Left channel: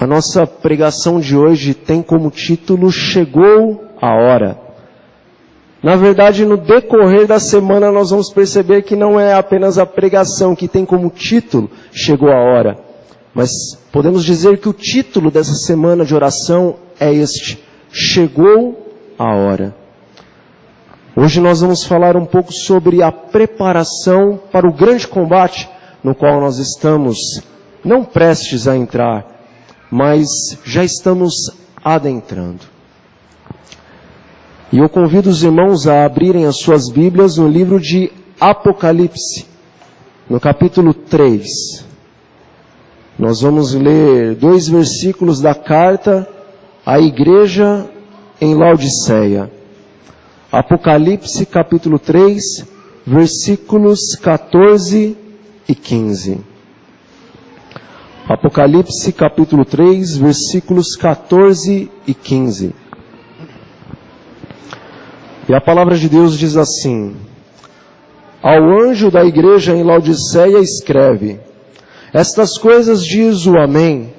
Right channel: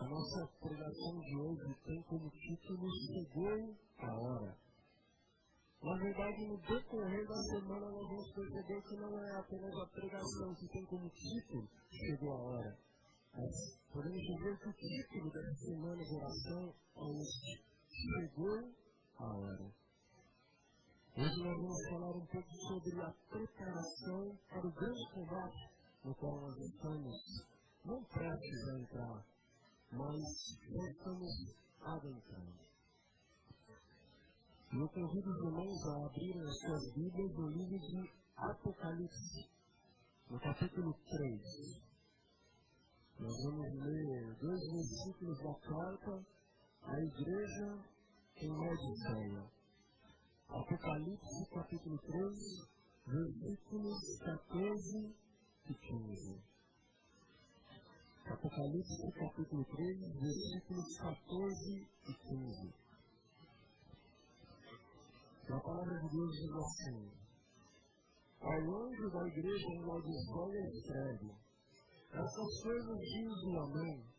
A nossa pregação de hoje tem como título Chegou a Hora. Na verdade, no decorrer da semana nós vamos perceber que não é apenas a pregação que tem como título Chegou a Hora, mas podemos dizer que o título dessa semana de oração é este: Chegou a Hora. Hoje nós vamos falar um pouco sobre a preparação para o grande combate no qual nós estamos não prestes a entrar, mas já estamos adentrando. E eu convido os irmãos a abrirem as suas Bíblias no livro de Apocalipse, no capítulo 3. Nós vamos ler 2 versículos da carta à igreja em Laodiceia. Apocalipse, capítulo 3, versículos 14 e 15. Apocalipse, capítulo 3, versículos 14 e 15. E a palavra de Deus diz assim: Ao anjo da igreja em Laodiceia escreve: Estas coisas diz o Amém,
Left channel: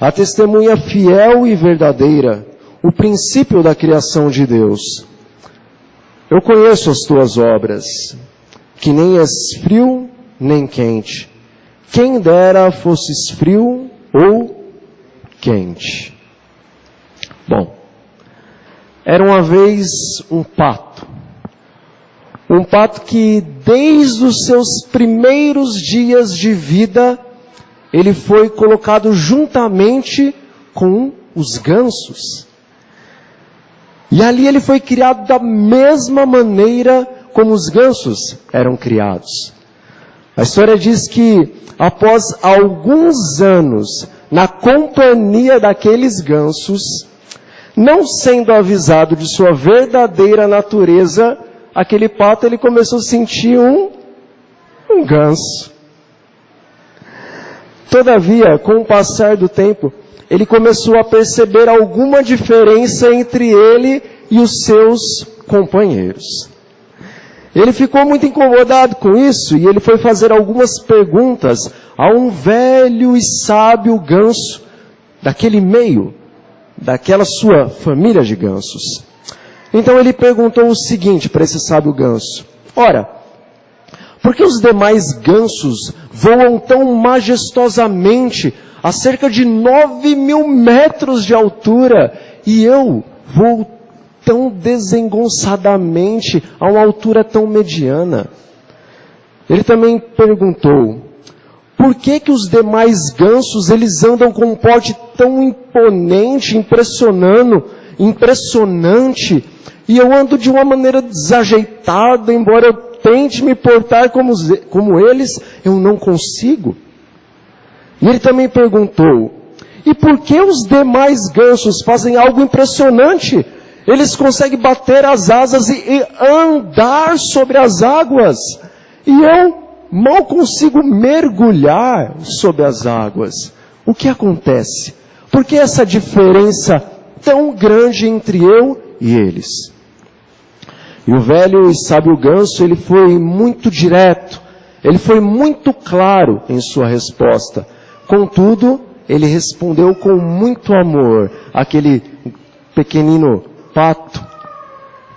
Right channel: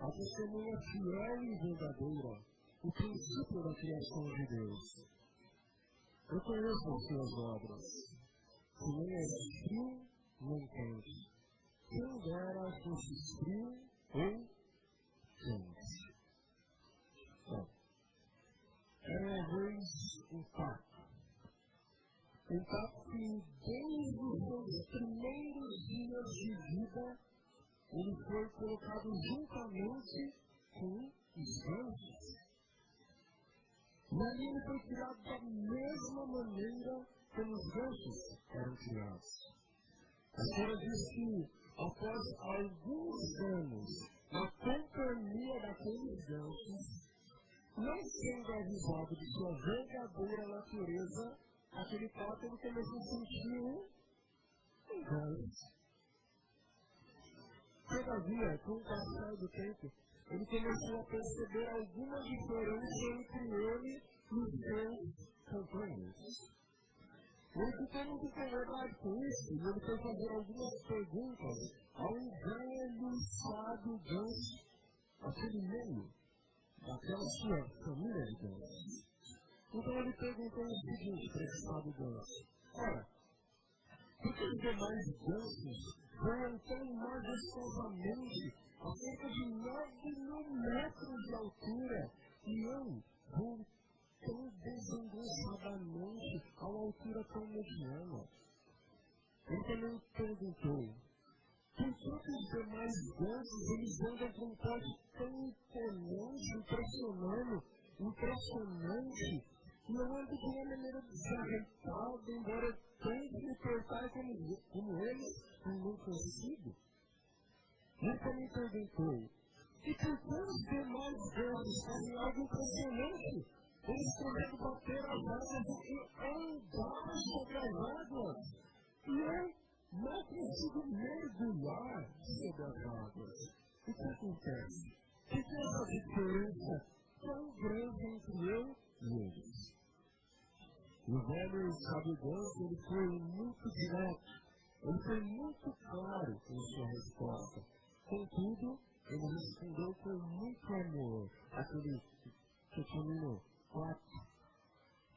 a testemunha fiel e verdadeira, o princípio da criação de Deus. Eu conheço as tuas obras, que nem és frio nem quente. Quem dera fosses frio ou quente. Bom, era uma vez um pato que desde os seus primeiros dias de vida, ele foi colocado juntamente com os gansos. E ali ele foi criado da mesma maneira como os gansos eram criados. A história diz que após alguns anos na companhia daqueles gansos, não sendo avisado de sua verdadeira natureza, aquele pato ele começou a sentir um ganso. Todavia, com o passar do tempo, ele começou a perceber alguma diferença entre ele e os seus companheiros. Ele ficou muito incomodado com isso e ele foi fazer algumas perguntas a um velho e sábio ganso daquele meio, daquela sua família de gansos. Então ele perguntou o seguinte para esse sábio ganso: Ora, por que os demais gansos voam tão majestosamente a cerca de 9.000 metros de altura e eu voo tão desengonçadamente a uma altura tão mediana? Ele também perguntou: por que os demais gansos eles andam com um porte tão imponente, impressionante, e eu ando de uma maneira desajeitada, embora eu tente me portar como eles, eu não consigo? E ele também perguntou: e por que os demais gansos fazem algo impressionante? Eles conseguem bater as asas e andar sobre as águas, e eu mal consigo mergulhar sobre as águas. O que acontece? Por que essa diferença tão grande entre eu e eles? E o velho e sábio ganso, ele foi muito direto, ele foi muito claro em sua resposta. Contudo, ele respondeu com muito amor àquele pequenino pato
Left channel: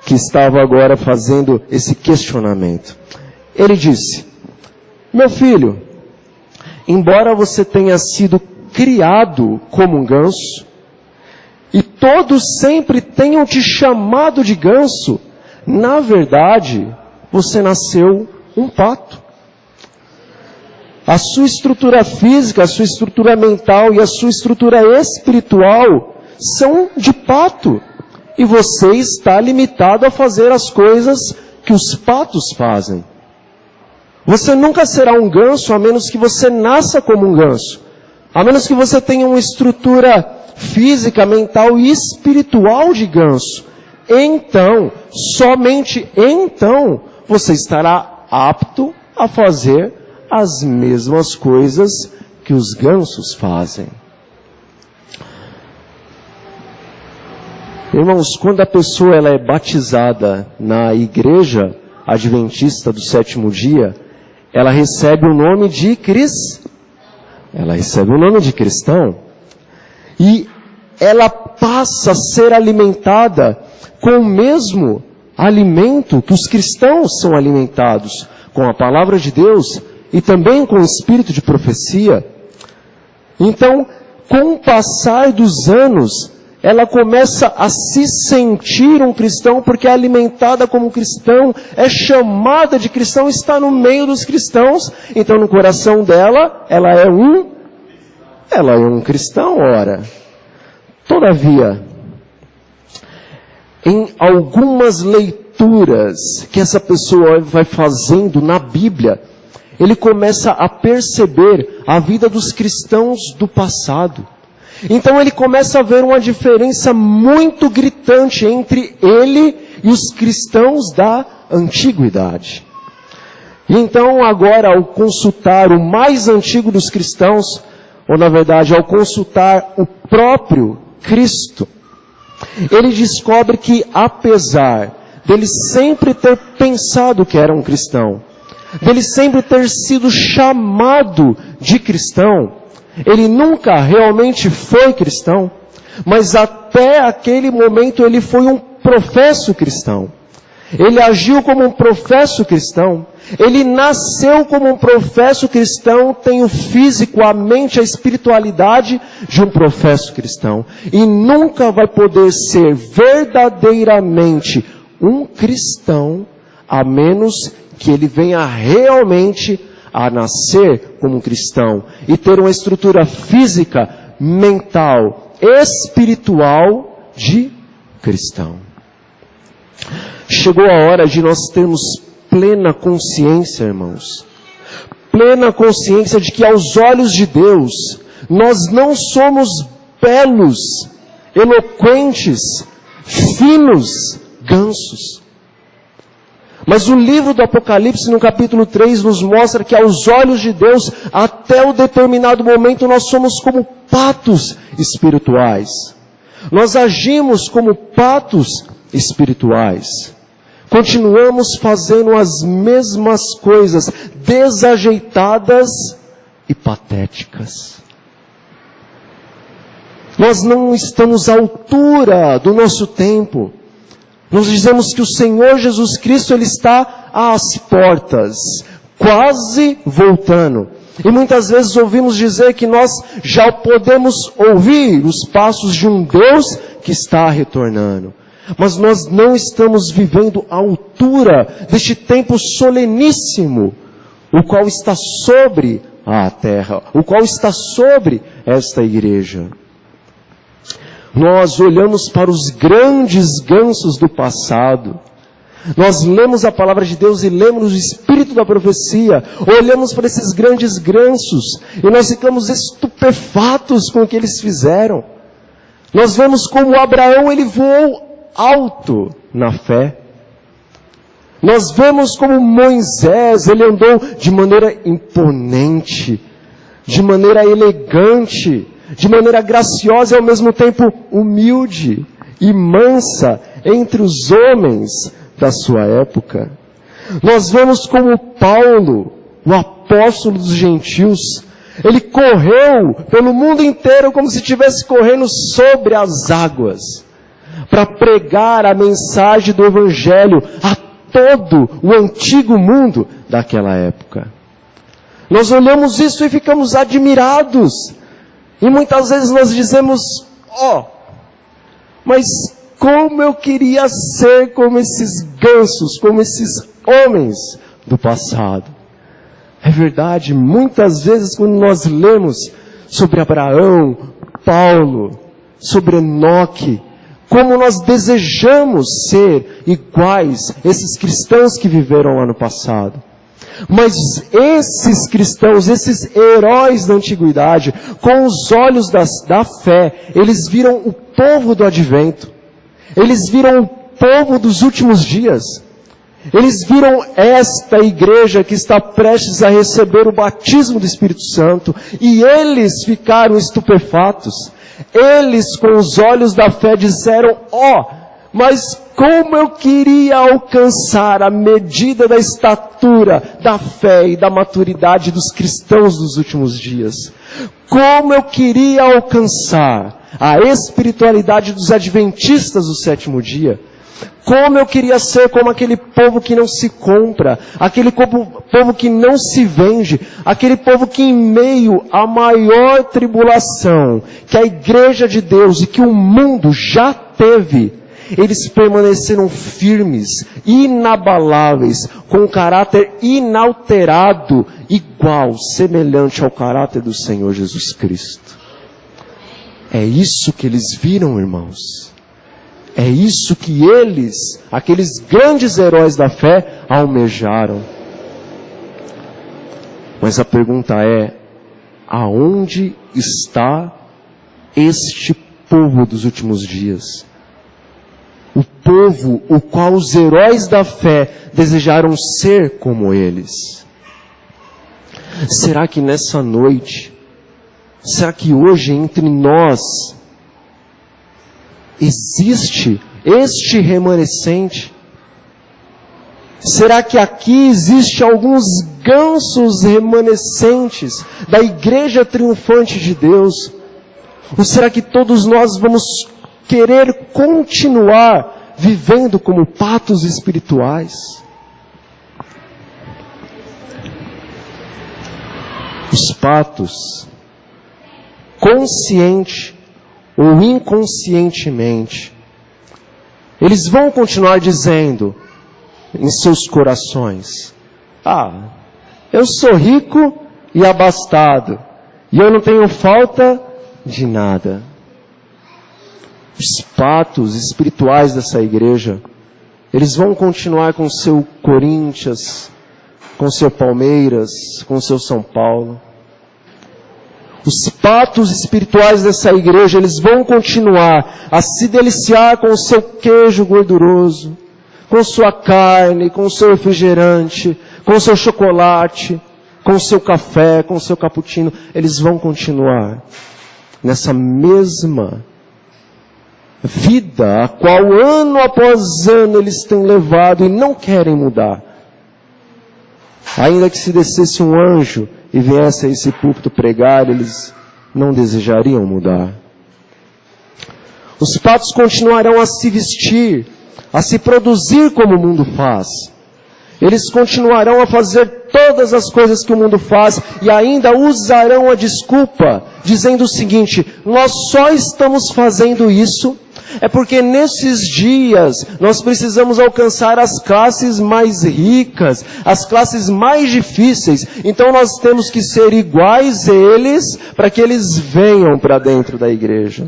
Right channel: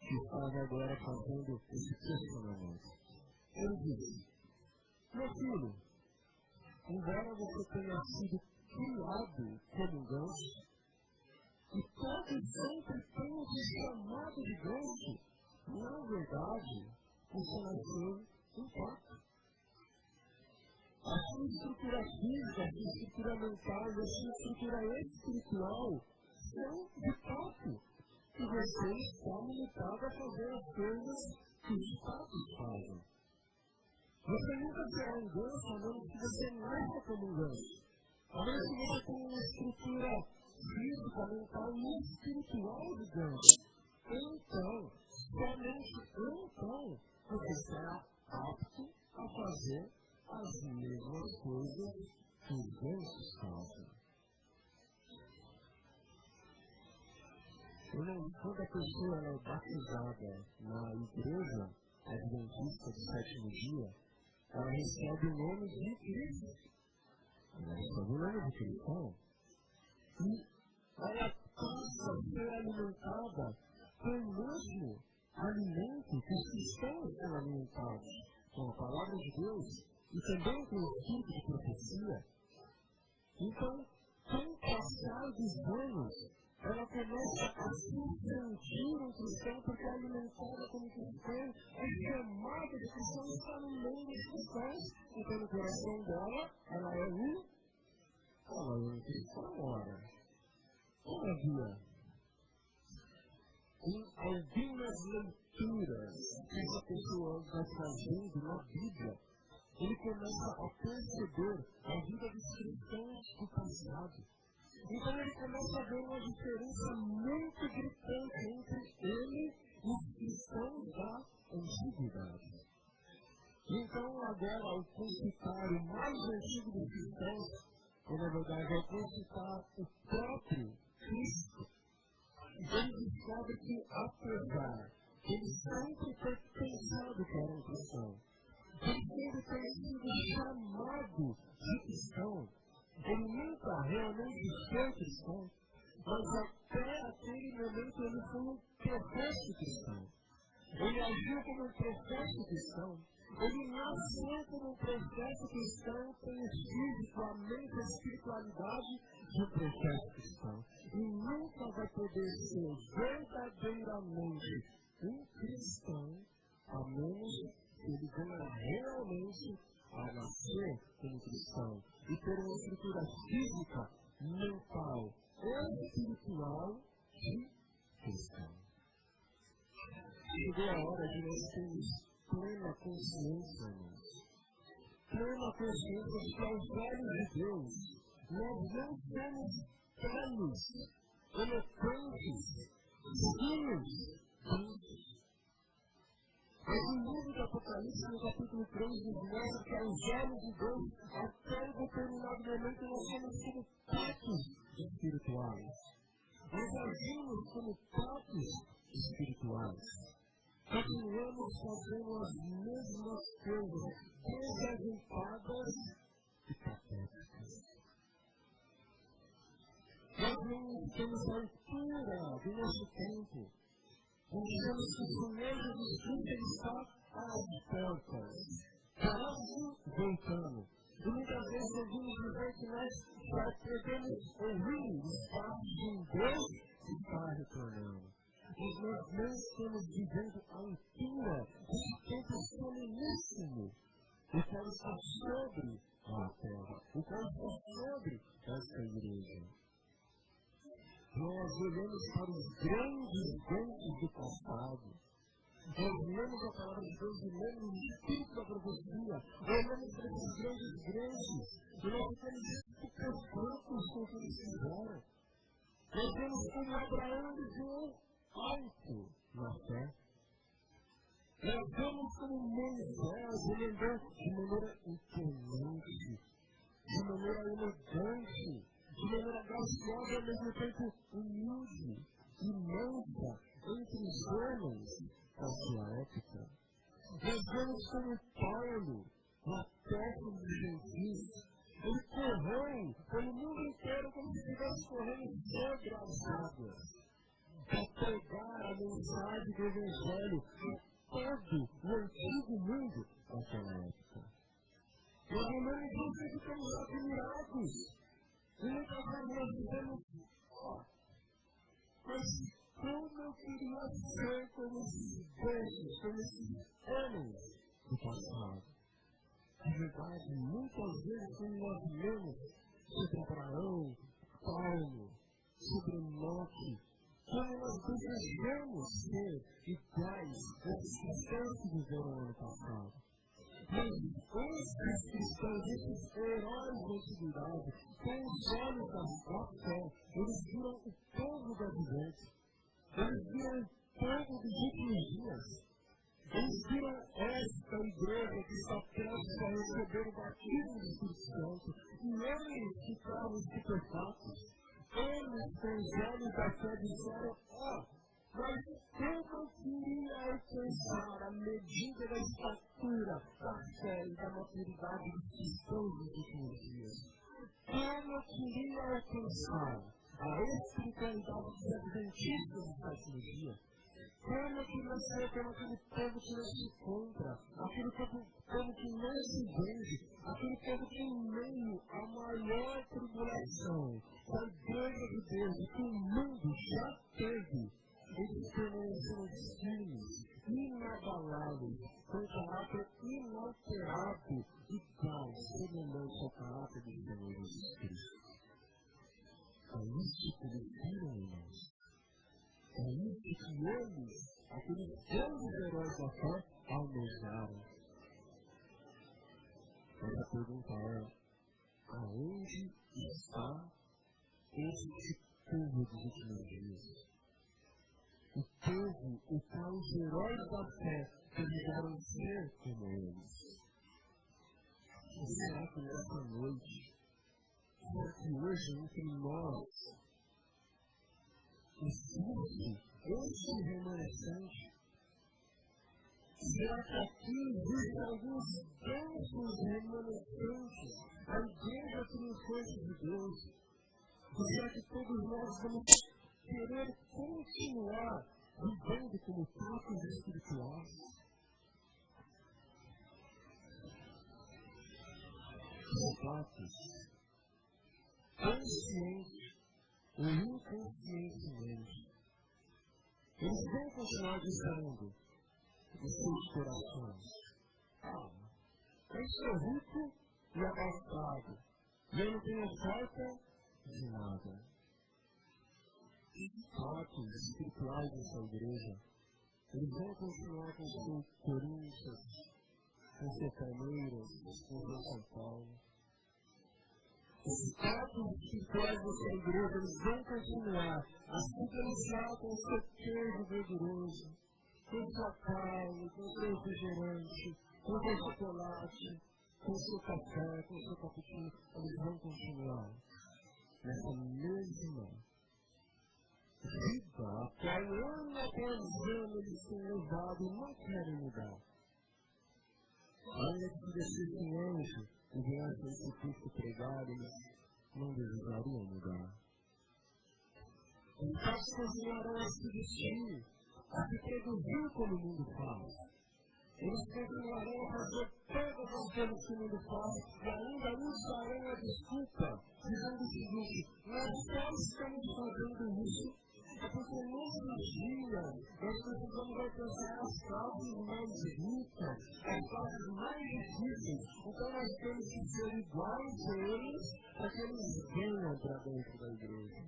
que estava agora fazendo esse questionamento. Ele disse: Meu filho, embora você tenha sido criado como um ganso, e todos sempre tenham te chamado de ganso, na verdade, você nasceu um pato. A sua estrutura física, a sua estrutura mental e a sua estrutura espiritual são de pato. E você está limitado a fazer as coisas que os patos fazem. Você nunca será um ganso a menos que você nasça como um ganso. A menos que você tenha uma estrutura física, mental e espiritual de ganso. Então, somente então, você estará apto a fazer as mesmas coisas que os gansos fazem. Irmãos, quando a pessoa ela é batizada na igreja adventista do sétimo dia, ela recebe o nome de cristão. e ela passa a ser alimentada com o mesmo alimento que os cristãos são alimentados, com a palavra de Deus e também com o espírito de profecia. Então, com o passar dos anos, ela começa a se sentir um cristão, porque é alimentada como cristão, é chamada de cristão, está no meio dos cristãos. Então, no coração dela, ela é um cristão, ora. Todavia, em algumas leituras que essa pessoa vai fazendo na Bíblia, ele começa a perceber a vida dos cristãos do passado. Então ele começa a ver uma diferença muito gritante entre ele e os cristãos da antiguidade. E então agora, ao consultar o mais antigo dos cristãos, ou na verdade ao consultar o próprio Cristo, ele descobre que apesar dele sempre ter pensado que era um cristão, dele sempre ter sido chamado de cristão, ele nunca realmente foi cristão, mas até aquele momento ele foi um professo cristão. Ele agiu como um professo cristão. Ele nasceu como um professo cristão, tem o físico, a mente, a espiritualidade de um professo cristão. E nunca vai poder ser verdadeiramente um cristão, a menos que ele venha realmente a nascer como um cristão e ter uma estrutura física, mental, espiritual de cristão. Chegou a hora de nós termos plena consciência, irmãos. Plena consciência de que aos olhos de Deus, nós não somos belos, eloquentes, finos gansos. Mas o livro do Apocalipse, no capítulo 3, nos mostra que aos olhos de Deus, até um determinado momento, nós somos como patos espirituais. Nós agimos como patos espirituais. Continuamos fazendo as mesmas coisas, desajeitadas e patéticas. Nós não estamos à altura do nosso tempo. Nós dizemos que o Senhor Jesus Cristo, Ele está às portas, quase voltando. E muitas vezes ouvimos dizer que nós já podemos ouvir os passos de um Deus que está retornando. Mas nós não estamos vivendo à altura deste tempo soleníssimo, o qual está sobre a terra, o qual está sobre esta igreja. Nós olhamos para os grandes gansos do passado. Nós lemos a palavra de Deus e lemos o espírito da profecia. Olhamos para esses grandes gansos e nós ficamos estupefatos com o que eles fizeram. Nós vemos como Abraão, ele voou alto na fé. Nós vemos como Moisés, ele andou de maneira imponente, de maneira elegante, de maneira graciosa e ao mesmo tempo humilde e mansa entre os homens da sua época. Nós vemos como Paulo, o apóstolo dos gentios, ele correu pelo mundo inteiro como se estivesse correndo sobre as águas, para pregar a mensagem do Evangelho a todo o antigo mundo daquela época. Nós olhamos isso e ficamos admirados. E muitas vezes nós dizemos, mas como eu queria ser como esses gansos, como esses homens do passado. É verdade, muitas vezes quando nós lemos sobre Abraão, Paulo, sobre Enoque, como nós desejamos ser iguais esses cristãos que viveram lá no passado. Mas esses cristãos, esses heróis da antiguidade, com os olhos da fé, eles viram o povo do advento. Eles viram o povo dos últimos dias. Eles viram esta igreja que está prestes a receber o batismo do Espírito Santo. E eles ficaram estupefatos. Eles, com os olhos da fé, disseram, mas como eu queria alcançar a medida da estatura, da fé e da maturidade dos cristãos dos últimos dias. Como eu queria alcançar a espiritualidade dos adventistas do sétimo dia. Como eu queria ser como aquele povo que não se compra, aquele povo que não se vende, aquele povo que em meio à maior tribulação que a igreja de Deus e que o mundo já teve, eles permaneceram firmes, inabaláveis, com um caráter inalterado, igual, semelhante ao caráter do Senhor Jesus Cristo. É isso que eles viram, irmãos. É isso que eles, aqueles grandes heróis da fé, almejaram. Mas a pergunta é, aonde está este povo dos últimos dias? O povo o qual os heróis da fé desejaram ser como eles. Será que nessa noite, será que hoje entre nós existe este remanescente? Será que aqui existe alguns gansos remanescentes da igreja triunfante de Deus? Ou será que todos nós vamos querer continuar vivendo como patos espirituais? Os patos, consciente ou inconscientemente, eles vão continuar dizendo em seus corações: eu sou rico e abastado, e eu não tenho falta de nada. Os patos espirituais dessa igreja, eles vão continuar com seu Corinthians, com seu Palmeiras, com seu São Paulo. Os patos espirituais dessa igreja, eles vão continuar a se deliciar com o seu queijo gorduroso, com sua carne, com o seu refrigerante, com o seu chocolate, com o seu café, com o seu cappuccino. Eles vão continuar nessa mesma vida, a qual ano após ano eles têm levado e não querem mudar. Ainda que se descesse um anjo e viesse a esse púlpito pregar, eles não desejariam mudar. Os patos continuarão a se vestir, a se produzir como o mundo faz. Eles continuarão a fazer todas as coisas que o mundo faz e ainda usarão a desculpa, dizendo o seguinte: nós só estamos fazendo isso é porque nesses dias nós precisamos alcançar as classes mais ricas, as classes mais difíceis. Então nós temos que ser iguais a eles para que eles venham para dentro da igreja.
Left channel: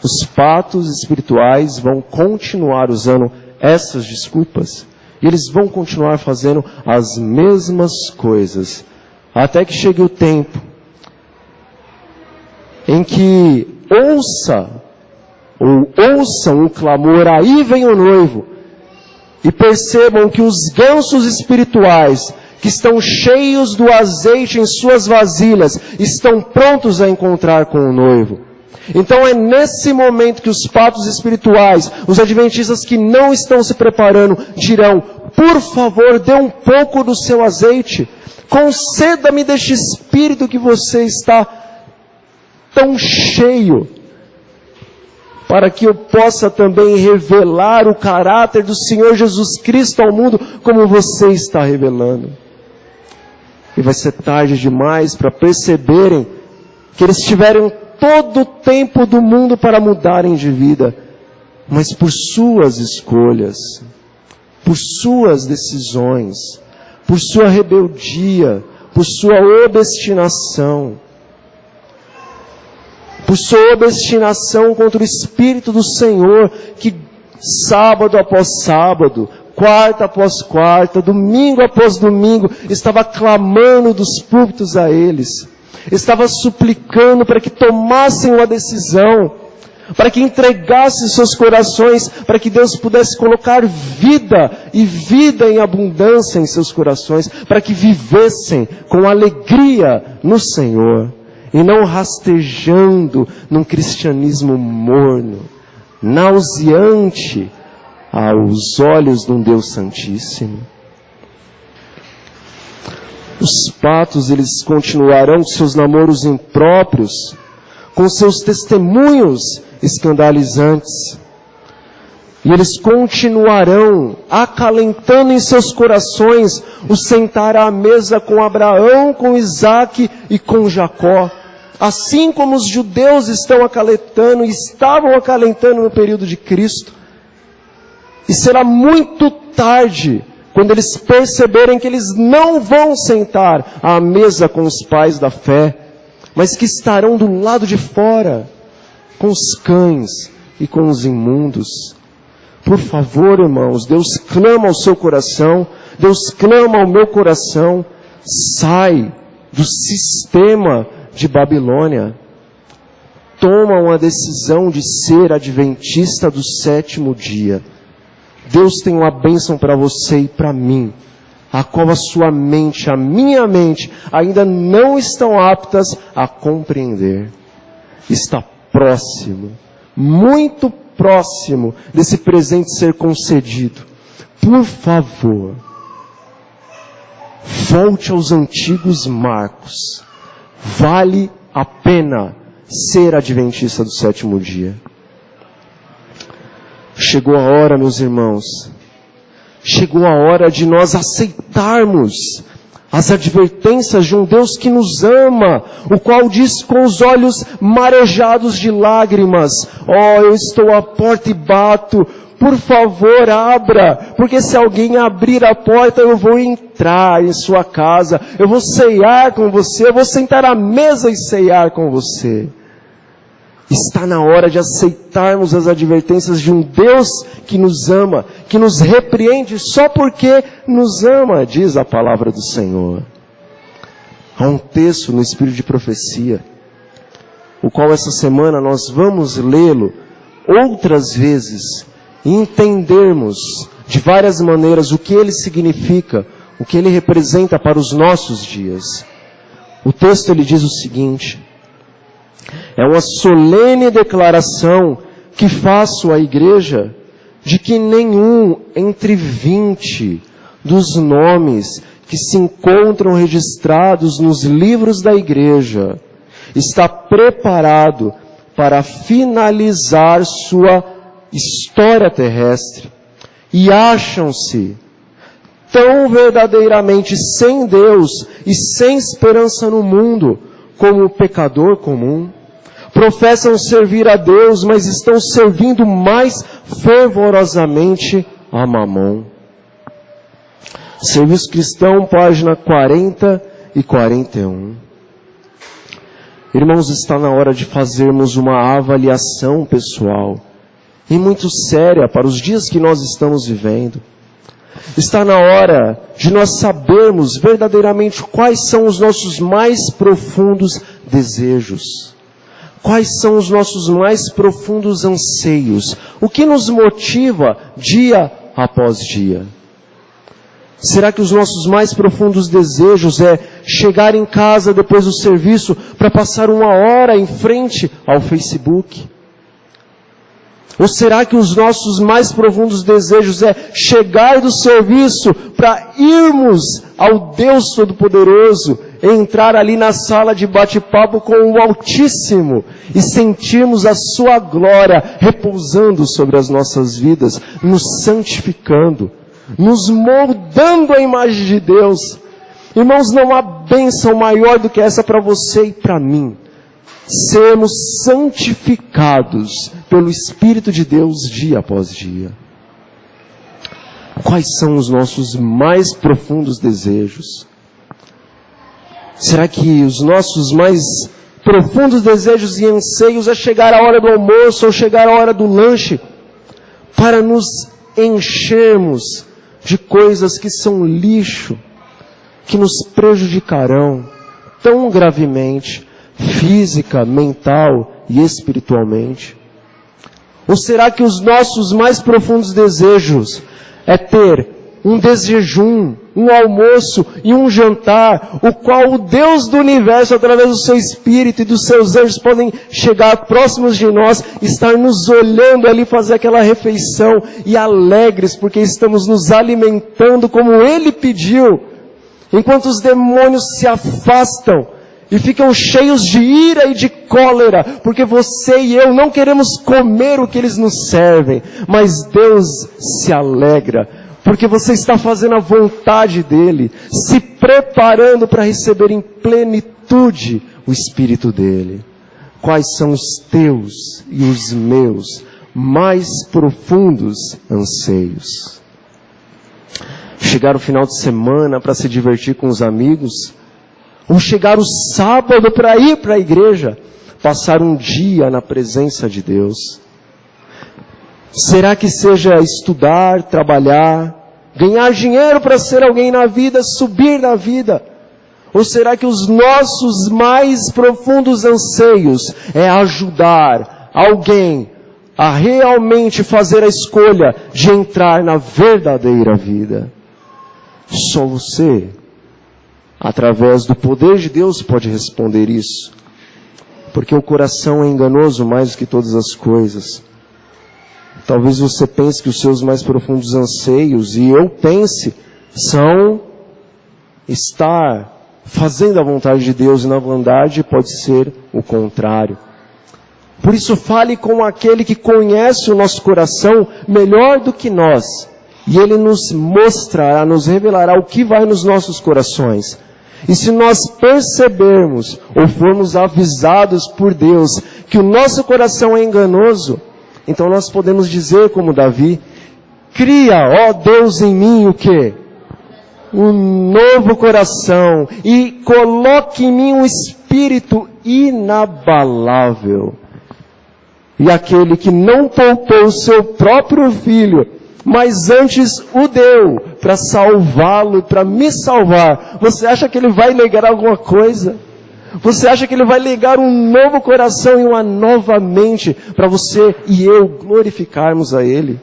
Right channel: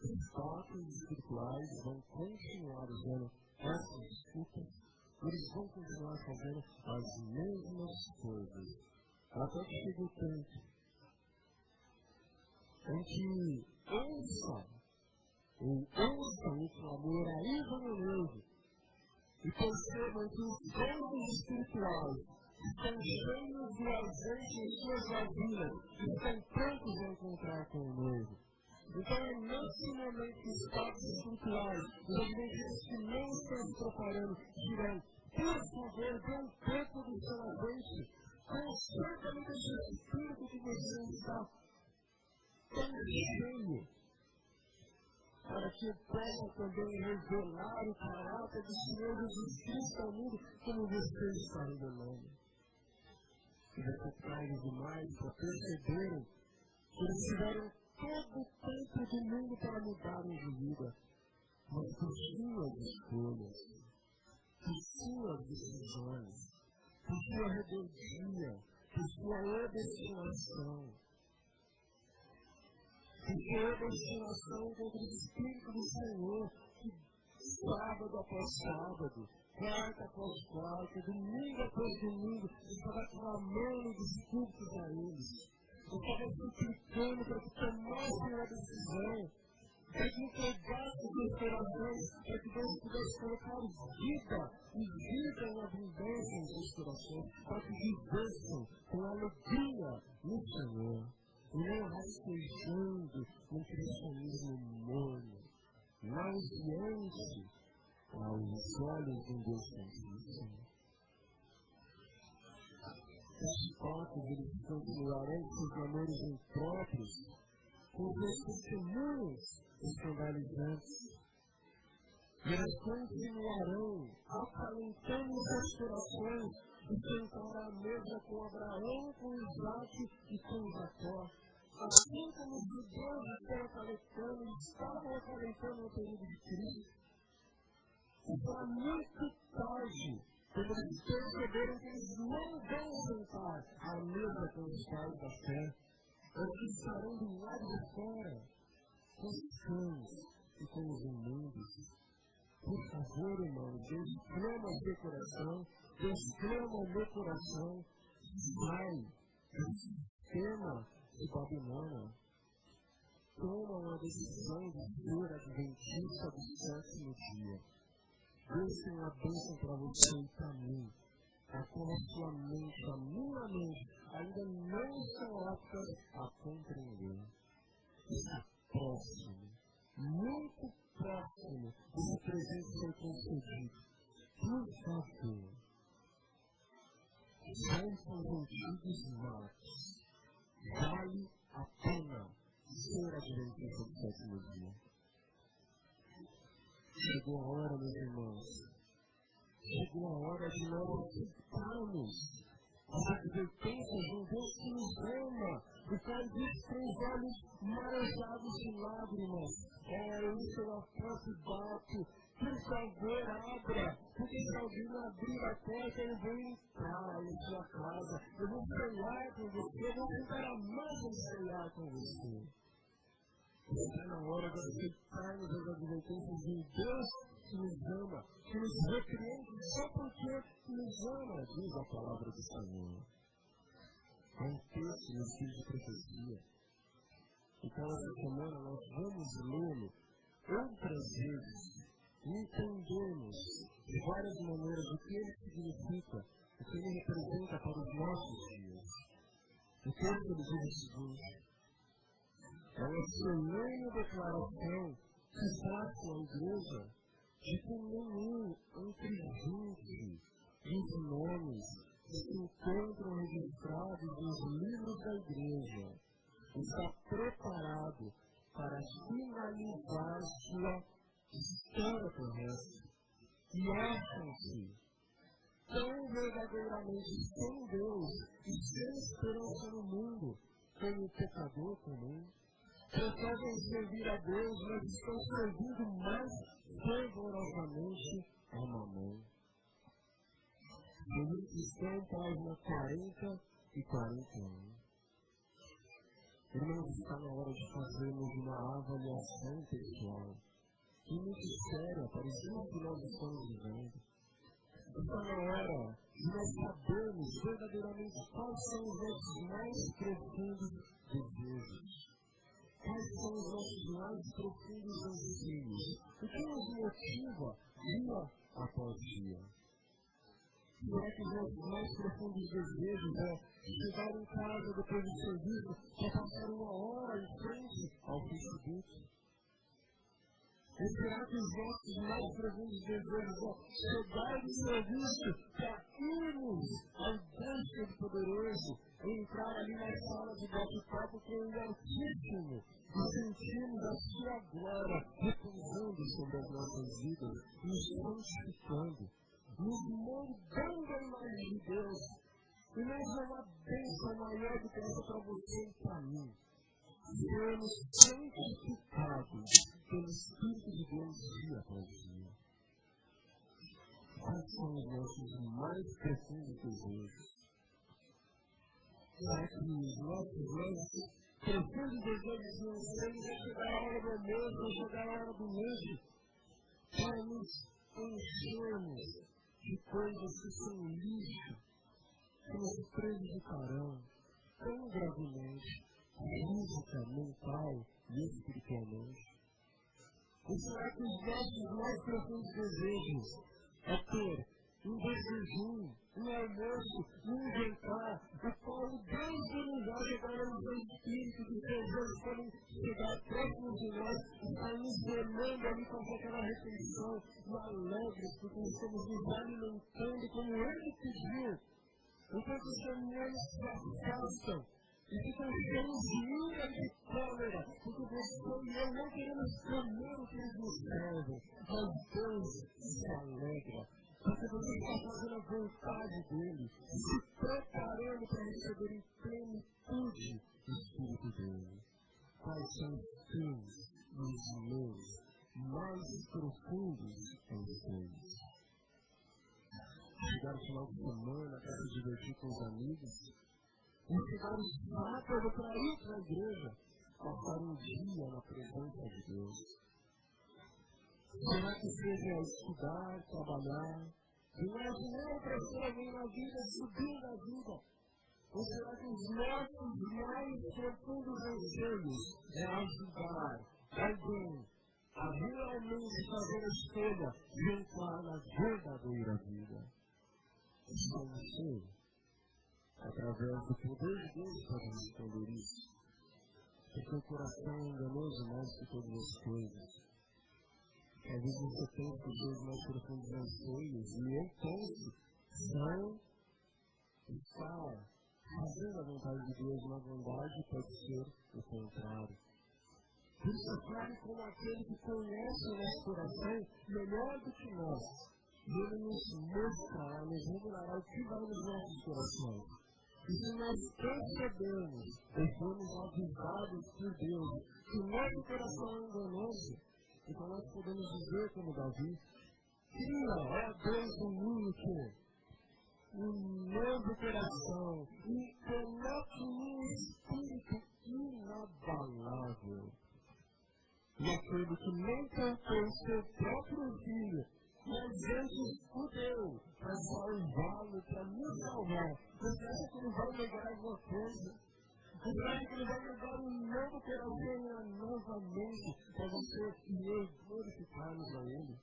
Os patos espirituais vão continuar usando essas desculpas. E eles vão continuar fazendo as mesmas coisas. Até que chegue o tempo em que ouçam o clamor: aí vem o noivo, e percebam que os gansos espirituais, que estão cheios do azeite em suas vasilhas, estão prontos a encontrar com o noivo. Então é nesse momento que os patos espirituais, os adventistas que não estão se preparando, dirão: por favor, dê um pouco do seu azeite, conceda-me deste espírito que você está tão cheio, para que eu possa também revelar o caráter do Senhor Jesus Cristo ao mundo, como você está revelando. E vai ser tarde demais para perceberem que eles tiveram todo o tempo do mundo para mudarem de vida, mas por suas escolhas, por suas decisões, por sua rebeldia, por sua obstinação, contra o Espírito do Senhor, que sábado após sábado, quarta após quarta, domingo após domingo, estava clamando dos púlpitos a eles, estava suplicando para que tomassem uma decisão, para que entregassem seus corações, para que Deus pudesse colocar vida e vida em abundância em seus corações, para que vivessem com alegria no Senhor, e não rastejando num cristianismo morno, nauseante aos olhos de um Deus Santíssimo. Os patos, eles continuarão com seus namoros impróprios, com seus testemunhos escandalizantes. E eles continuarão acalentando em seus corações o sentar à mesa com Abraão, com Isaque e com Jacó. Assim como os judeus estão acalentando e estavam acalentando no período de Cristo. E será muito tarde quando eles perceberem que eles não vão sentar à mesa com os pais da fé, mas que estarão do lado de fora, com os cães e com os imundos. Por favor, irmãos, Deus clama ao seu coração, Deus clama ao meu coração, sai do sistema de Babilônia. Toma uma decisão de ser adventista do sétimo dia. Deus tem uma bênção para você e para mim, a qual a sua mente, a minha mente, ainda não estão aptas a compreender. Está próximo, muito próximo desse presente ser concedido. Por favor, volte aos antigos marcos. Vale a pena ser adventista do sétimo dia. Chegou a hora, meus irmãos, chegou a hora de nós aceitarmos as advertências de um Deus que nos ama, o qual diz com os olhos marejados de lágrimas: ó, eu estou à porta e bato, por favor abra, porque se alguém abrir a porta eu vou entrar em sua casa, eu vou ceiar com você, eu vou sentar à mesa e ceiar com você. Está na hora de aceitarmos as advertências de um Deus que nos ama, que nos repreende só porque nos ama, diz a palavra do Senhor. Há um texto no Espírito de Profecia, o qual essa semana nós vamos lê-lo outras vezes e entendermos de várias maneiras o que ele significa, o que ele representa para os nossos dias. O texto ele diz o seguinte: é uma solene declaração que faço à igreja de que nenhum entre 20 dos nomes que se encontram registrados nos livros da igreja está preparado para finalizar sua história terrestre. E acham-se tão verdadeiramente sem Deus e sem esperança no mundo como o pecador comum. Professam servir a Deus, mas estão servindo mais fervorosamente a Mamon. Serviço Cristão, página 40 e 41. Irmãos, está na hora de fazermos uma avaliação pessoal, e muito séria, para os dias que nós estamos vivendo. Está na hora de nós sabermos verdadeiramente quais são os nossos mais profundos desejos. Quais são os nossos mais profundos anseios? O que nos motiva dia após dia? Será que os nossos mais profundos desejos é chegar em casa depois do serviço para passar 1 hora em frente ao Facebook? Ou será que os nossos mais profundos desejos é chegar do serviço para irmos ao Deus Todo-Poderoso, entrar ali na sala de bate-papo com o Altíssimo e sentirmos a sua glória repousando sobre as nossas vidas, nos santificando, nos moldando a imagem de Deus? Irmãos, não há bênção maior do que essa para você e para mim. Sermos santificados pelo Espírito de Deus dia após dia. Quais são os nossos mais profundos desejos? Será que os nossos mais profundos desejos e anseios é chegar a hora do almoço ou chegar a hora do lanche para nos enchermos de coisas que são lixo, que nos prejudicarão tão gravemente, física, mental e espiritualmente? Ou será que os nossos mais profundos desejos é ter um desjejum, um almoço e um jantar, o qual o Deus do universo, através do seu Espírito e dos seus anjos, podem chegar próximos de nós, estar nos olhando ali, fazer aquela refeição, e alegres, porque estamos nos alimentando como Ele pediu, enquanto os demônios se afastam e ficam cheios de ira e de cólera, porque você e eu não queremos comer o que eles nos servem, mas Deus se alegra, porque você está fazendo a vontade dEle, se preparando para receber em plenitude o Espírito dEle. Quais são os teus e os meus mais profundos anseios? Chegar o final de semana para se divertir com os amigos, ou chegar o sábado para ir para a igreja, passar um dia na presença de Deus? Será que seja estudar, trabalhar, ganhar dinheiro para ser alguém na vida, subir na vida? Ou será que os nossos mais profundos anseios é ajudar alguém a realmente fazer a escolha de entrar na verdadeira vida? Só você, através do poder de Deus, pode responder isso. Porque o coração é enganoso mais do que todas as coisas. Talvez você pense que os seus mais profundos anseios, e eu pense, são estar fazendo a vontade de Deus, e na verdade pode ser o contrário. Por isso fale com aquele que conhece o nosso coração melhor do que nós, e ele nos mostrará, nos revelará o que vai nos nossos corações. E se nós percebermos, ou formos avisados por Deus, que o nosso coração é enganoso, então nós podemos dizer como Davi: cria, ó Deus, em mim o quê? Um novo coração, e coloque em mim um espírito inabalável. E aquele que não poupou o seu próprio filho, mas antes o deu para salvá-lo, para me salvar, você acha que ele vai negar alguma coisa? Você acha que ele vai negar um novo coração e uma nova mente para você e eu glorificarmos a ele?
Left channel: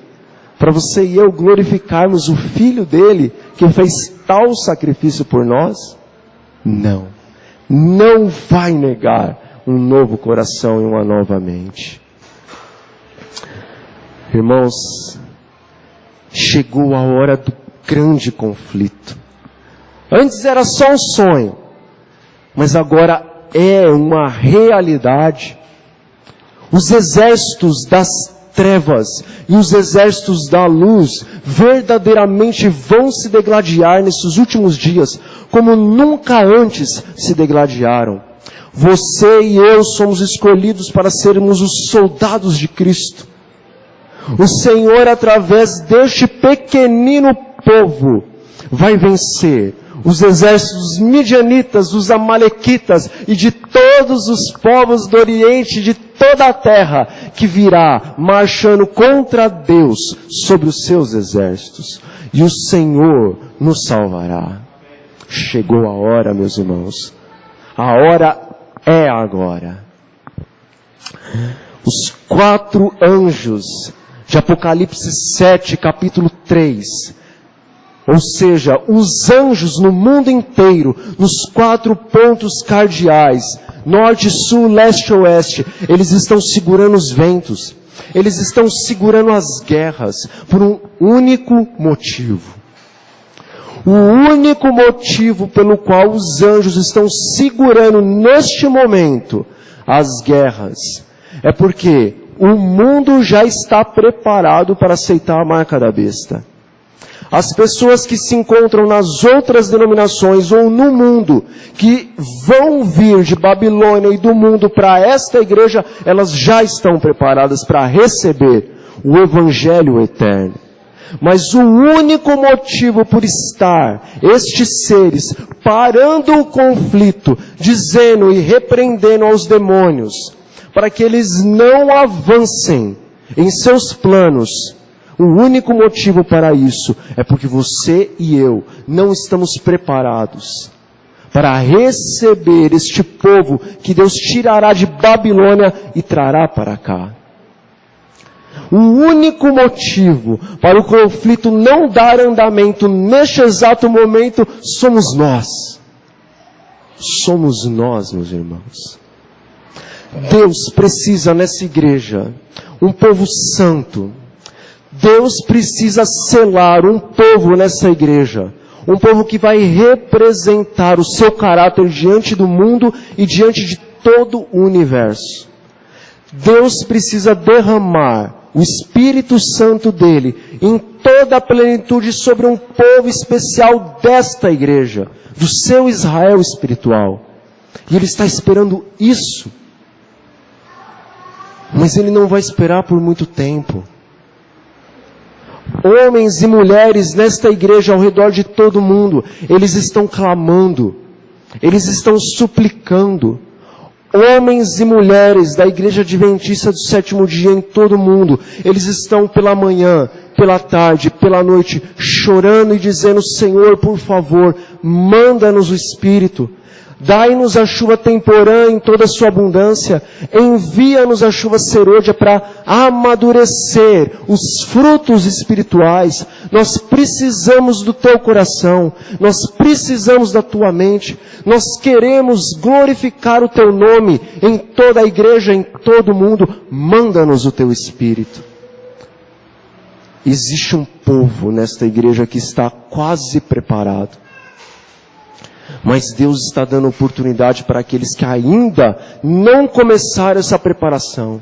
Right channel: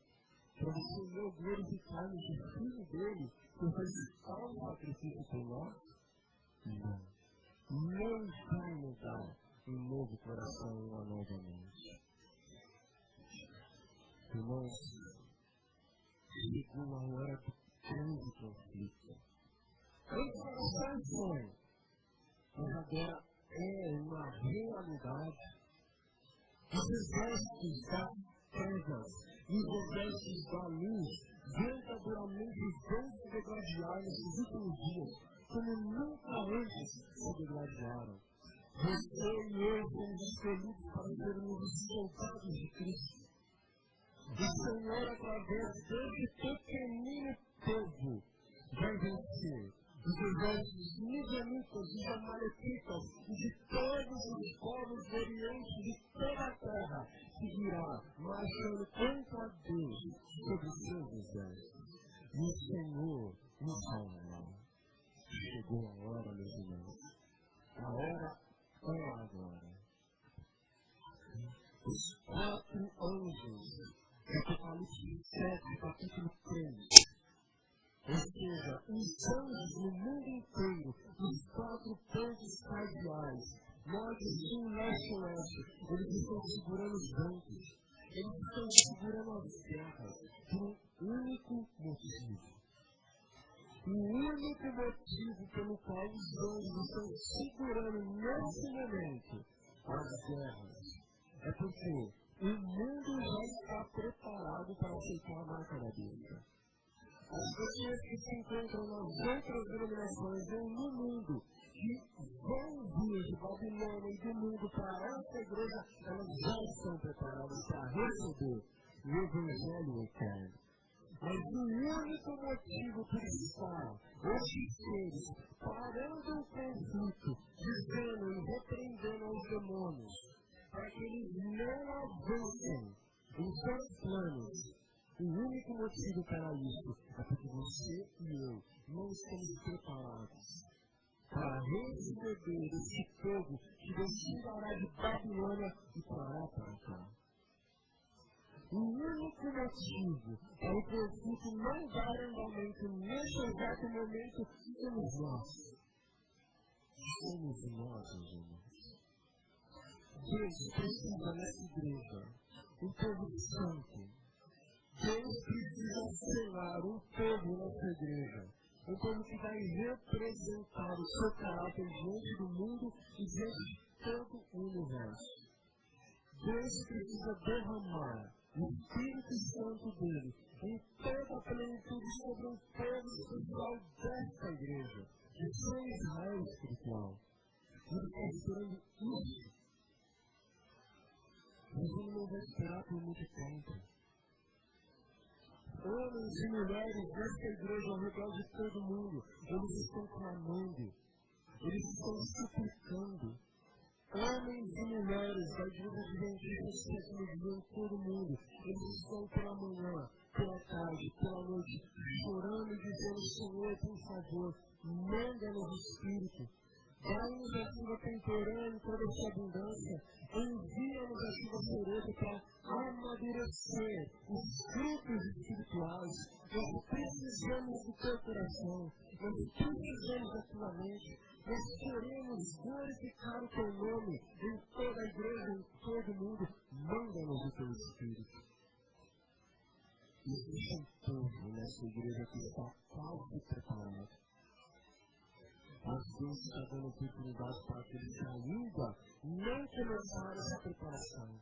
Para você e eu glorificarmos o Filho dele, que fez tal sacrifício por nós? Não. Não vai negar um novo coração e uma nova mente. Irmãos, chegou a hora do grande conflito. Antes era só um sonho, mas agora é uma realidade. Os exércitos das trevas e os exércitos da luz verdadeiramente vão se degladiar nesses últimos dias, como nunca antes se degladiaram. Você e eu somos escolhidos para sermos os soldados de Cristo. O Senhor, através deste pequenino povo, vai vencer os exércitos midianitas, dos amalequitas e de todos os povos do Oriente, de toda a terra, que virá marchando contra Deus sobre os seus exércitos. E o Senhor nos salvará. Chegou a hora, meus irmãos. A hora é agora. Os 4 anjos de Apocalipse 7, capítulo 3, ou seja, os anjos no mundo inteiro, nos 4 pontos cardeais, norte, sul, leste e oeste, eles estão segurando os ventos, eles estão segurando as guerras, por um único motivo. O único motivo pelo qual os anjos estão segurando neste momento as guerras, é porque o mundo já está preparado para aceitar a marca da besta. As pessoas que se encontram nas outras denominações ou no mundo, que vão vir de Babilônia e do mundo para esta igreja, elas já estão preparadas para receber o Evangelho eterno. Mas o único motivo por estar estes seres parando o conflito, dizendo e repreendendo aos demônios, para que eles não avancem em seus planos, o único motivo para isso é porque você e eu não estamos preparados para receber este povo que Deus tirará de Babilônia e trará para cá. O único motivo para o conflito não dar andamento neste exato momento somos nós. Somos nós, meus irmãos. Deus precisa nessa igreja um povo santo. Deus precisa selar um povo nessa igreja, um povo que vai representar o seu caráter diante do mundo e diante de todo o universo. Deus precisa derramar o Espírito Santo dele em toda a plenitude sobre um povo especial desta igreja, do seu Israel espiritual. E ele está esperando isso. Mas ele não vai esperar por muito tempo. Homens e mulheres nesta igreja ao redor de todo mundo, eles estão clamando, eles estão suplicando. Homens e mulheres da igreja adventista do sétimo dia em todo o mundo, eles estão pela manhã, pela tarde, pela noite, chorando e dizendo: Senhor, por favor, manda-nos o Espírito. Dai-nos a chuva temporã em toda a sua abundância. Envia-nos a chuva serôdia para amadurecer os frutos espirituais. Nós precisamos do teu coração. Nós precisamos da tua mente. Nós queremos glorificar o teu nome em toda a igreja, em todo o mundo. Manda-nos o teu Espírito. Existe um povo nesta igreja que está quase preparado. Mas Deus está dando oportunidade para aqueles que ainda não começaram essa preparação.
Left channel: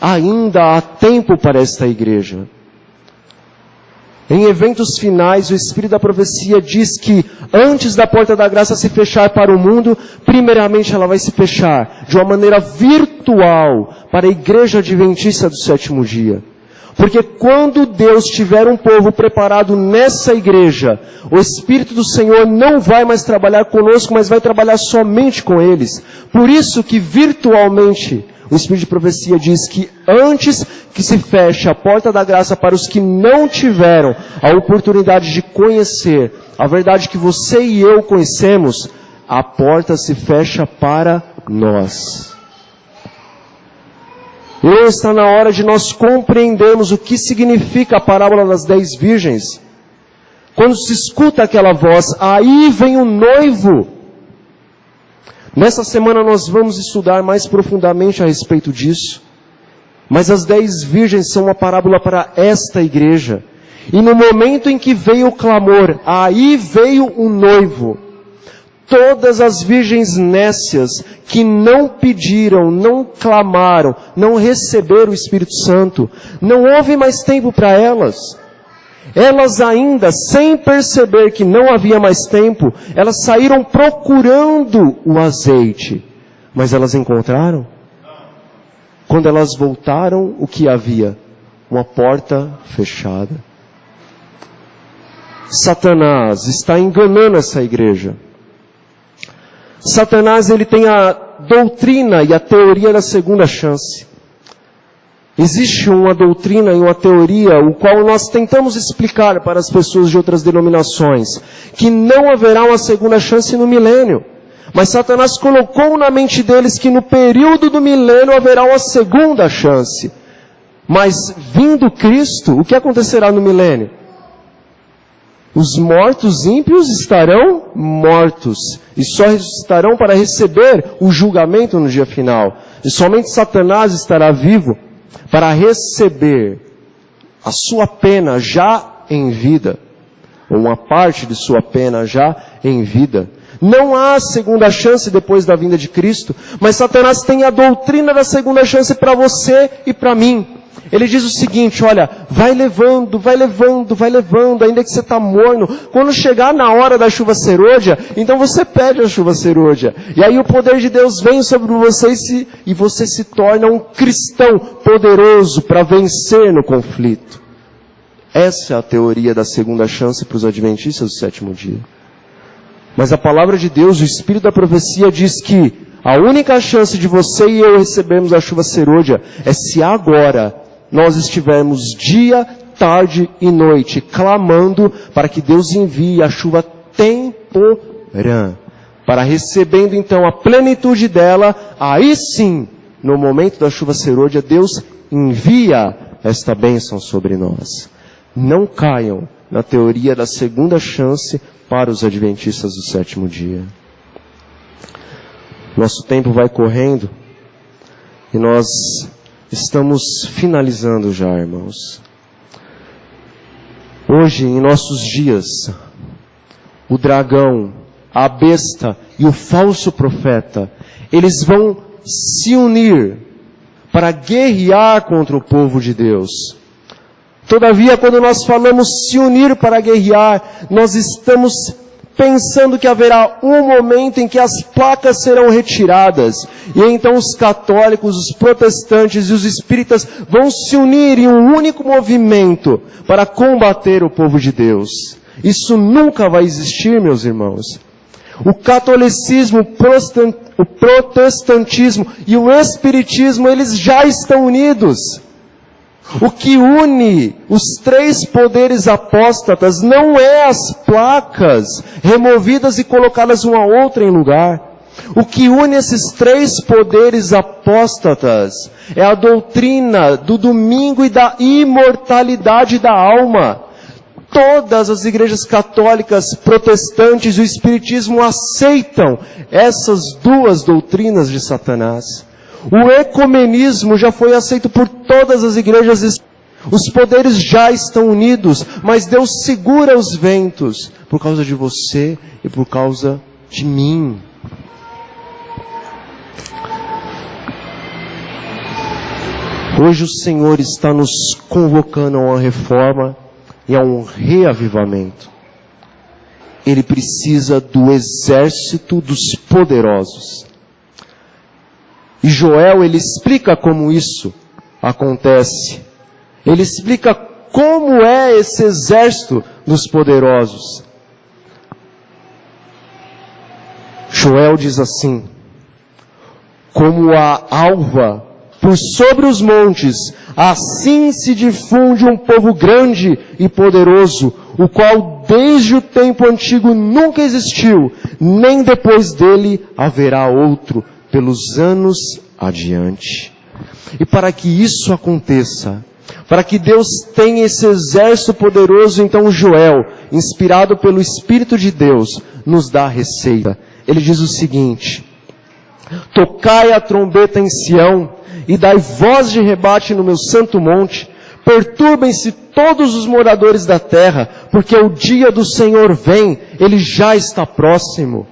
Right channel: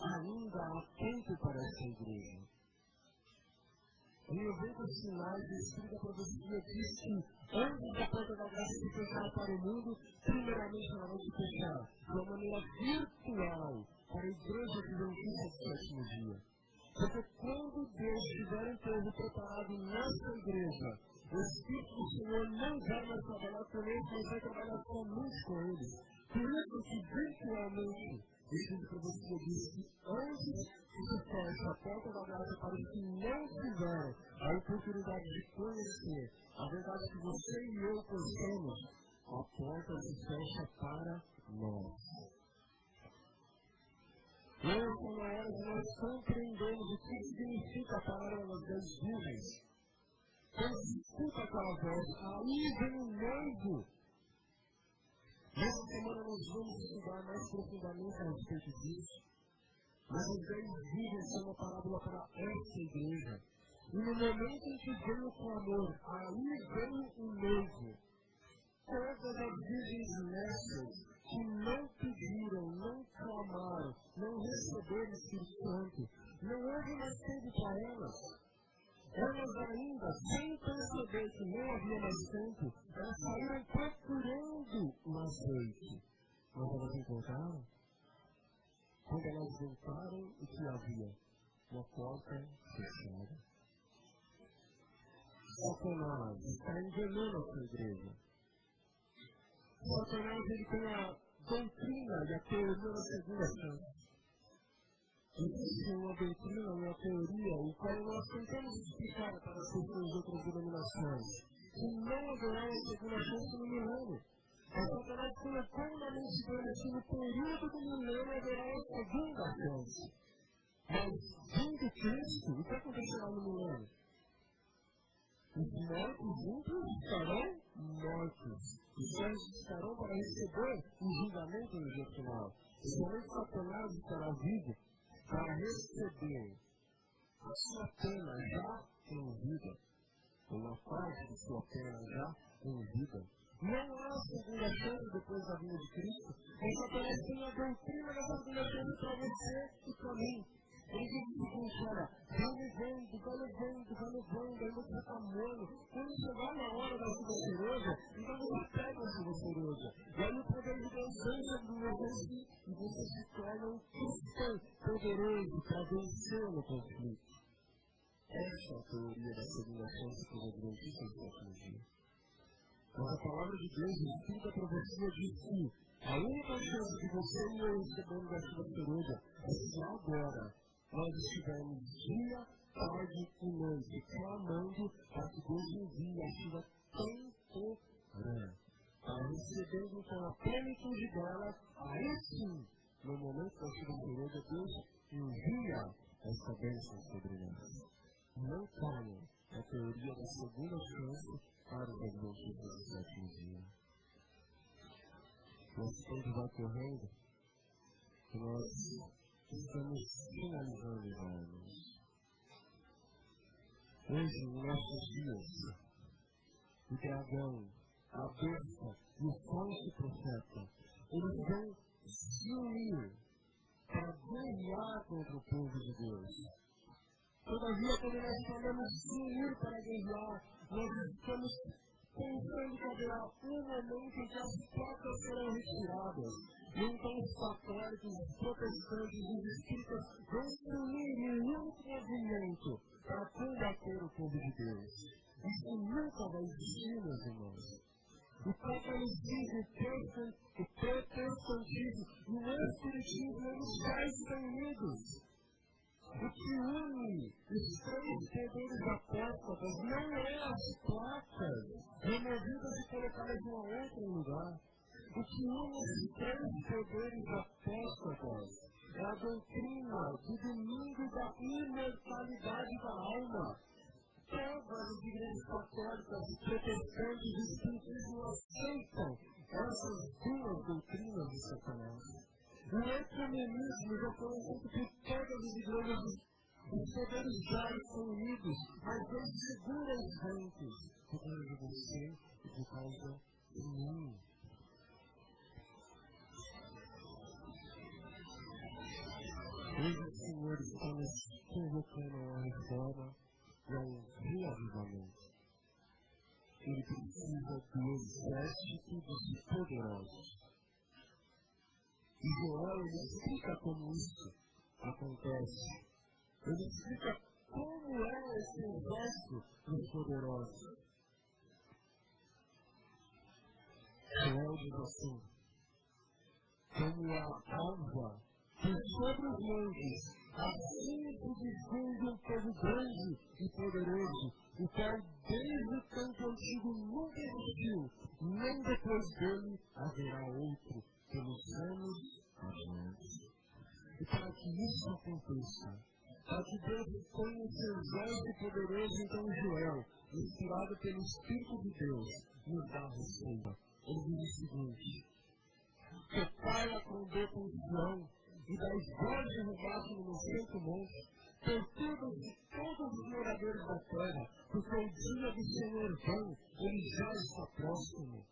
Ainda há tempo para esta igreja. Em eventos finais, o Espírito da profecia diz que antes da porta da graça se fechar para o mundo, primeiramente ela vai se fechar de uma maneira virtual para a igreja adventista do sétimo dia. Porque quando Deus tiver um povo preparado nessa igreja, o Espírito do Senhor não vai mais trabalhar conosco, mas vai trabalhar somente com eles. Por isso que virtualmente o Espírito de profecia diz que antes que se feche a porta da graça para os que não tiveram a oportunidade de conhecer a verdade que você e eu conhecemos, a porta se fecha para nós. E está na hora de nós compreendermos o que significa a parábola das 10 virgens. Quando se escuta aquela voz, aí vem o noivo. Nessa semana nós vamos estudar mais profundamente a respeito disso. Mas as 10 virgens são uma parábola para esta igreja. E no momento em que veio o clamor, aí veio o noivo. Todas as virgens nécias que não pediram, não clamaram, não receberam o Espírito Santo, não houve mais tempo para elas. Elas ainda, sem perceber que não havia mais tempo, elas saíram procurando o azeite. Mas elas encontraram? Quando elas voltaram, o que havia? Uma porta fechada. Satanás está enganando essa igreja. Satanás, ele tem a doutrina e a teoria da segunda chance. Existe uma doutrina e uma teoria, o qual nós tentamos explicar para as pessoas de outras denominações, que não haverá uma segunda chance no milênio. Mas Satanás colocou na mente deles que no período do milênio haverá uma segunda chance. Mas vindo Cristo, o que acontecerá no milênio? Os mortos ímpios estarão mortos e só ressuscitarão para receber o julgamento no dia final. E somente Satanás estará vivo para receber a sua pena já em vida, ou uma parte de sua pena já em vida. Não há segunda chance depois da vinda de Cristo, mas Satanás tem a doutrina da segunda chance para você e para mim. Ele diz o seguinte: olha, vai levando, ainda que você está morno. Quando chegar na hora da chuva serôdia, então você pede a chuva serôdia. E aí o poder de Deus vem sobre você e você se torna um cristão poderoso para vencer no conflito. Essa é a teoria da segunda chance para os adventistas do sétimo dia. Mas a palavra de Deus, o Espírito da profecia diz que a única chance de você e eu recebermos a chuva serôdia é se agora nós estivermos dia, tarde e noite clamando para que Deus envie a chuva temporã, para recebendo então a plenitude dela, aí sim, no momento da chuva serôdia, Deus envia esta bênção sobre nós. Não caiam na teoria da segunda chance para os adventistas do sétimo dia. Nosso tempo vai correndo e nós estamos finalizando já, irmãos. Hoje, em nossos dias, o dragão, a besta e o falso profeta, eles vão se unir para guerrear contra o povo de Deus. Todavia, quando nós falamos se unir para guerrear, nós estamos pensando que haverá um momento em que as placas serão retiradas, e então os católicos, os protestantes e os espíritas vão se unir em um único movimento para combater o povo de Deus. Isso nunca vai existir, meus irmãos. O catolicismo, o protestantismo e o espiritismo, eles já estão unidos. O que une os três poderes apóstatas não é as placas removidas e colocadas uma a outra em lugar. O que une esses três poderes apóstatas é a doutrina do domingo e da imortalidade da alma. Todas as igrejas católicas, protestantes e o espiritismo aceitam essas duas doutrinas de Satanás. O ecumenismo já foi aceito por todas as igrejas. Os poderes já estão unidos, mas Deus segura os ventos por causa de você e por causa de mim. Hoje o Senhor está nos convocando a uma reforma e a um reavivamento. Ele precisa do exército dos poderosos. E Joel, ele explica como isso acontece. Ele explica como é esse exército dos poderosos. Joel diz assim: como a alva por sobre os montes, assim se difunde um povo grande e poderoso, o qual desde o tempo antigo nunca existiu, nem depois dele haverá outro, pelos anos adiante. E para que isso aconteça, para que Deus tenha esse exército poderoso, então Joel, inspirado pelo Espírito de Deus, nos dá a receita. Ele diz o seguinte: tocai a trombeta em Sião, e dai voz de rebate no meu santo monte, perturbem-se todos os moradores da terra, porque o dia do Senhor vem, ele já está próximo.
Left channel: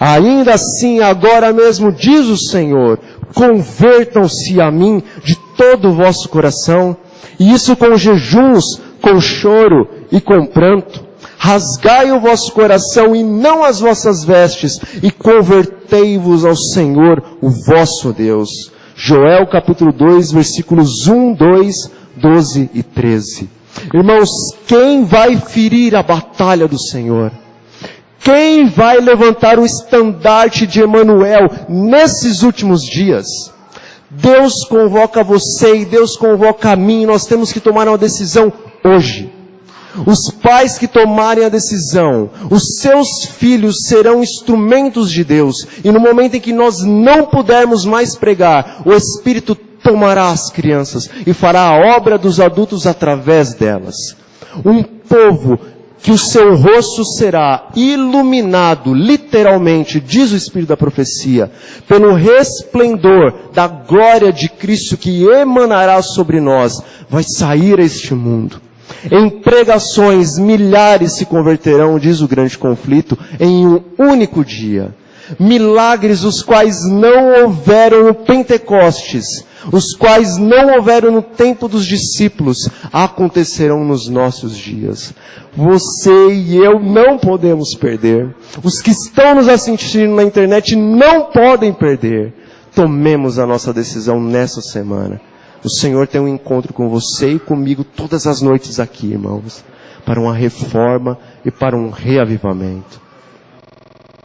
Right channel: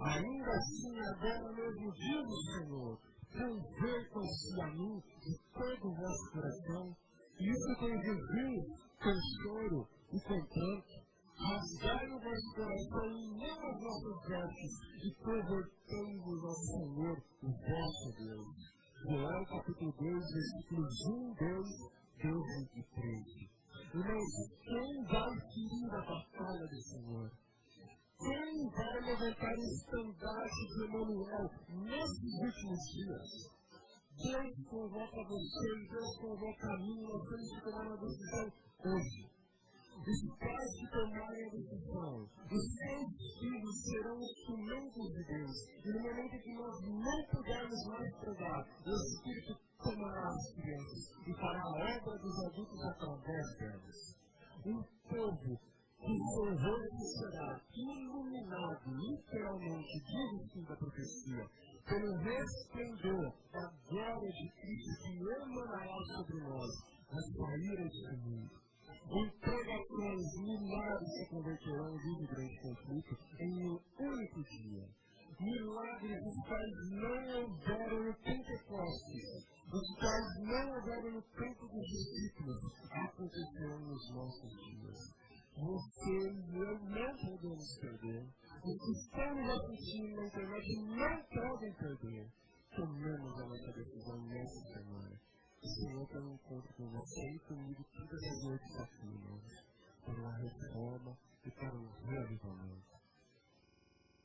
Ainda assim, agora mesmo, diz o Senhor, convertam-se a mim de todo o vosso coração, e isso com jejuns, com choro e com pranto. Rasgai o vosso coração e não as vossas vestes, e convertei-vos ao Senhor, o vosso Deus. Joel capítulo 2, versículos 1, 2, 12 e 13. Irmãos, quem vai ferir a batalha do Senhor? Quem vai levantar o estandarte de Emanuel nesses últimos dias? Deus convoca você e Deus convoca a mim. Nós temos que tomar uma decisão hoje. Os pais que tomarem a decisão, os seus filhos serão instrumentos de Deus. E no momento em que nós não pudermos mais pregar, o Espírito tomará as crianças e fará a obra dos adultos através delas. Um povo que o seu rosto será iluminado, literalmente, diz o Espírito da profecia, pelo resplendor da glória de Cristo que emanará sobre nós, vai sair a este mundo. Em pregações, milhares se converterão, diz o grande conflito, em um único dia. Milagres os quais não houveram no Pentecostes, os quais não houveram no tempo dos discípulos, acontecerão nos nossos dias. Você e eu não podemos perder. Os que estão nos assistindo na internet não podem perder. Tomemos a nossa decisão nessa semana. O Senhor tem um encontro com você e comigo todas as noites aqui, irmãos, para uma reforma e para um reavivamento.